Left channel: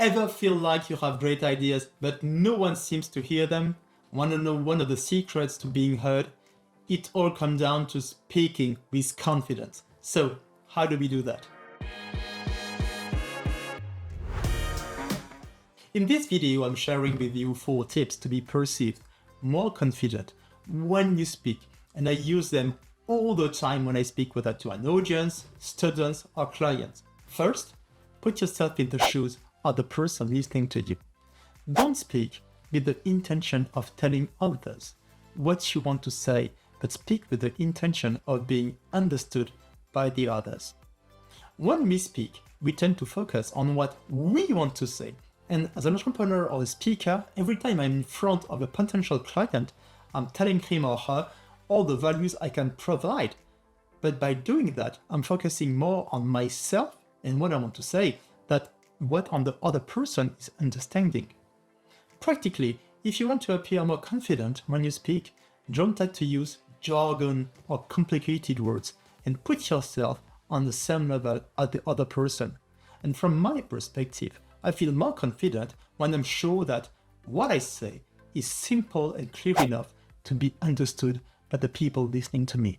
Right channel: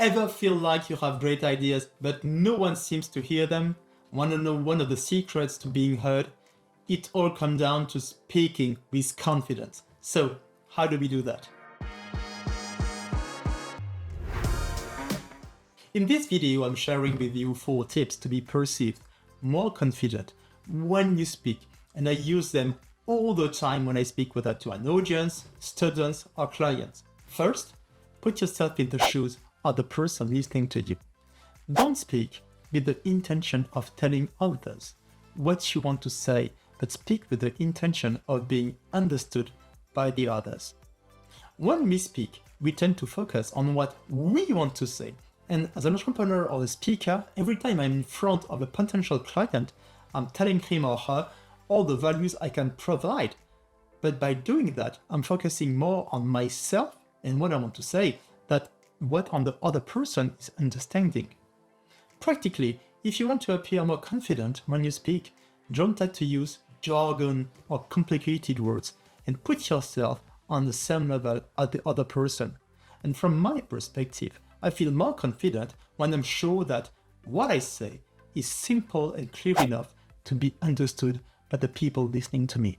Ever feel like you have great ideas, but no one seems to hear them? Want to know one of the secrets to being heard? It all comes down to speaking with confidence. So, how do we do that? In this video, I'm sharing with you 4 tips to be perceived more confident when you speak, and I use them all the time when I speak, whether to an audience, students, or clients. First, put yourself in the shoes of the person listening to you. Don't speak with the intention of telling others what you want to say, but speak with the intention of being understood by the others. When we speak, we tend to focus on what we want to say. And as an entrepreneur or a speaker, every time I'm in front of a potential client, I'm telling him or her all the values I can provide. But by doing that, I'm focusing more on myself and what I want to say than what on the other person is understanding. Practically, if you want to appear more confident when you speak, don't try to use jargon or complicated words and put yourself on the same level as the other person. And from my perspective, I feel more confident when I'm sure that what I say is simple and clear enough to be understood by the people listening to me.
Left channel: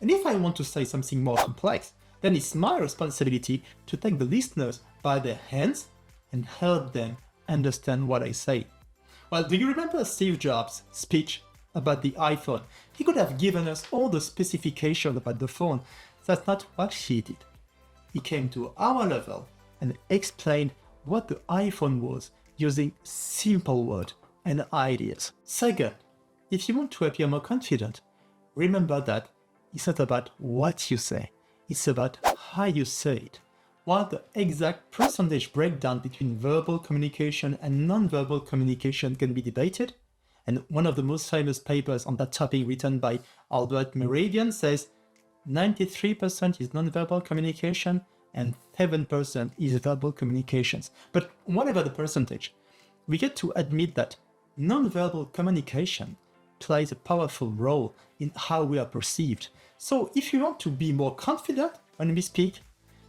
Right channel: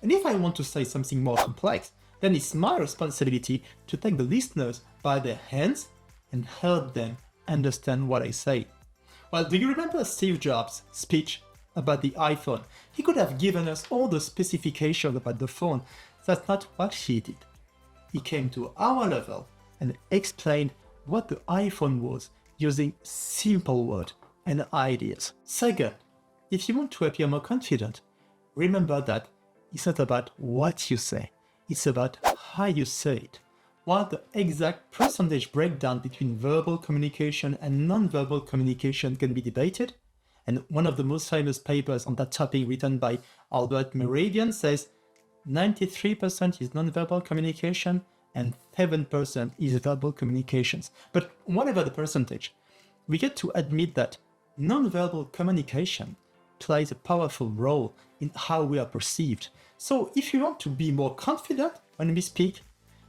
And if I want to say something more complex, then it's my responsibility to take the listeners by their hands and help them understand what I say. Well, do you remember Steve Jobs' speech about the iPhone? He could have given us all the specifications about the phone. That's not what he did. He came to our level and explained what the iPhone was using simple words and ideas. Second, if you want to appear more confident, remember that it's not about what you say, it's about how you say it. While the exact percentage breakdown between verbal communication and non-verbal communication can be debated, and one of the most famous papers on that topic written by Arvin says 93% is non-verbal communication and 7% is verbal communications. But whatever the percentage, we get to admit that non-verbal communication plays a powerful role in how we are perceived. So if you want to be more confident when we speak,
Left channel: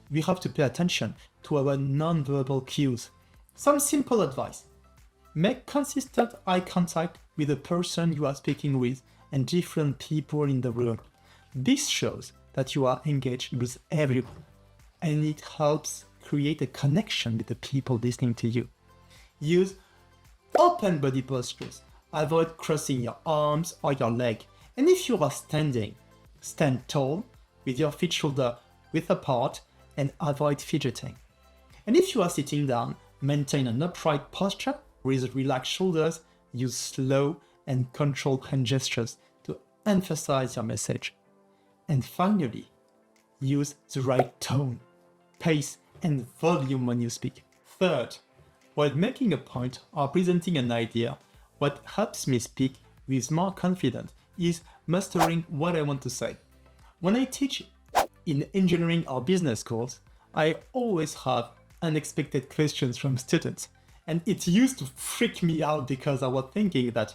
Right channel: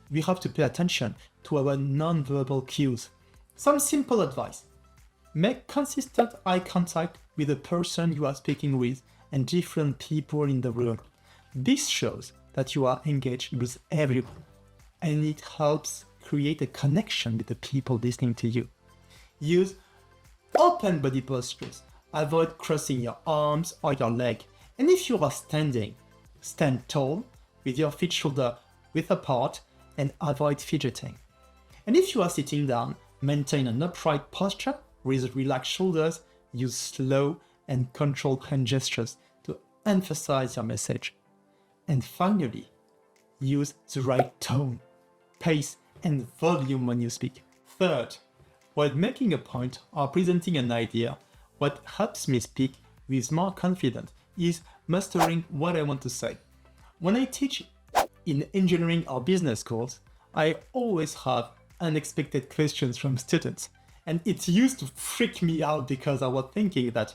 we have to pay attention to our non-verbal cues. Some simple advice. Make consistent eye contact with the person you are speaking with and different people in the room. This shows that you are engaged with everyone, and it helps create a connection with the people listening to you. Use open body postures. Avoid crossing your arms or your leg. And if you are standing, stand tall with your feet shoulder width apart and avoid fidgeting. And if you are sitting down, maintain an upright posture with relaxed shoulders. Use slow and controlled hand gestures to emphasize your message. And finally, use the right tone, pace, and volume when you speak. Third, while making a point or presenting an idea, what helps me speak with more confidence is mastering what I want to say. When I teach in engineering or business course, I always have unexpected questions from students. And it used to freak me out because I was thinking that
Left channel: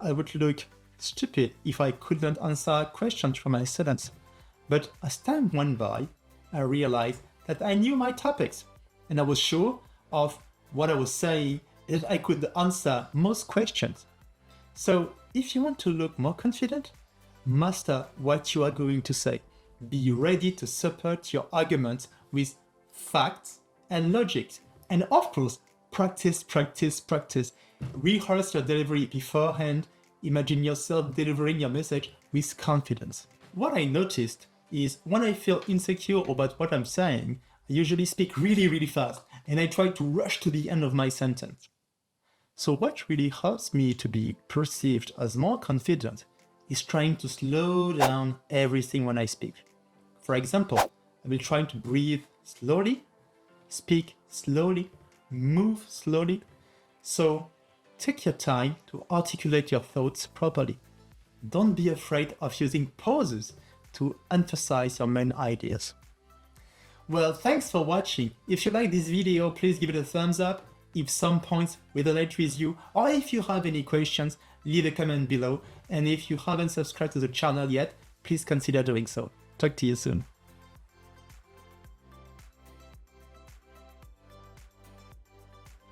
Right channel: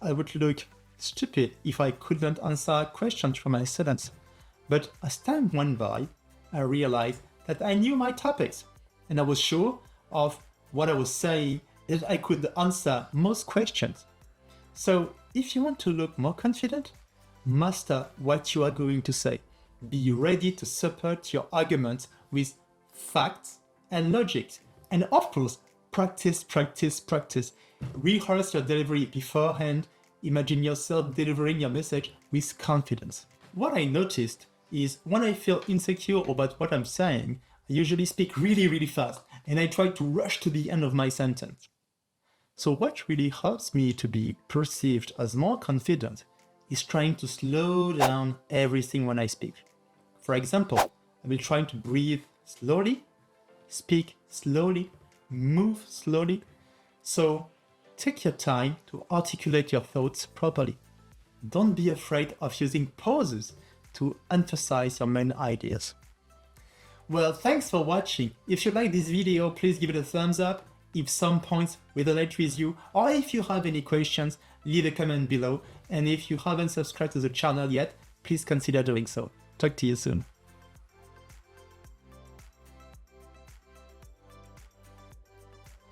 I would look stupid if I couldn't answer questions from my students. But as time went by, I realized that I knew my topics and I was sure of what I was saying, that I could answer most questions. So if you want to look more confident, master what you are going to say. Be ready to support your argument with facts and logic. And of course, practice. Rehearse your delivery beforehand. Imagine yourself delivering your message with confidence. What I noticed is when I feel insecure about what I'm saying, I usually speak really fast and I try to rush to the end of my sentence. So what really helps me to be perceived as more confident is trying to slow down everything when I speak. For example, I will try to breathe slowly, speak slowly, move slowly. So take your time to articulate your thoughts properly. Don't be afraid of using pauses to emphasize your main ideas. Well, thanks for watching. If you like this video, please give it a thumbs up. If some points resonate with you, or if you have any questions, leave a comment below. And if you haven't subscribed to the channel yet, please consider doing so. Talk to you soon.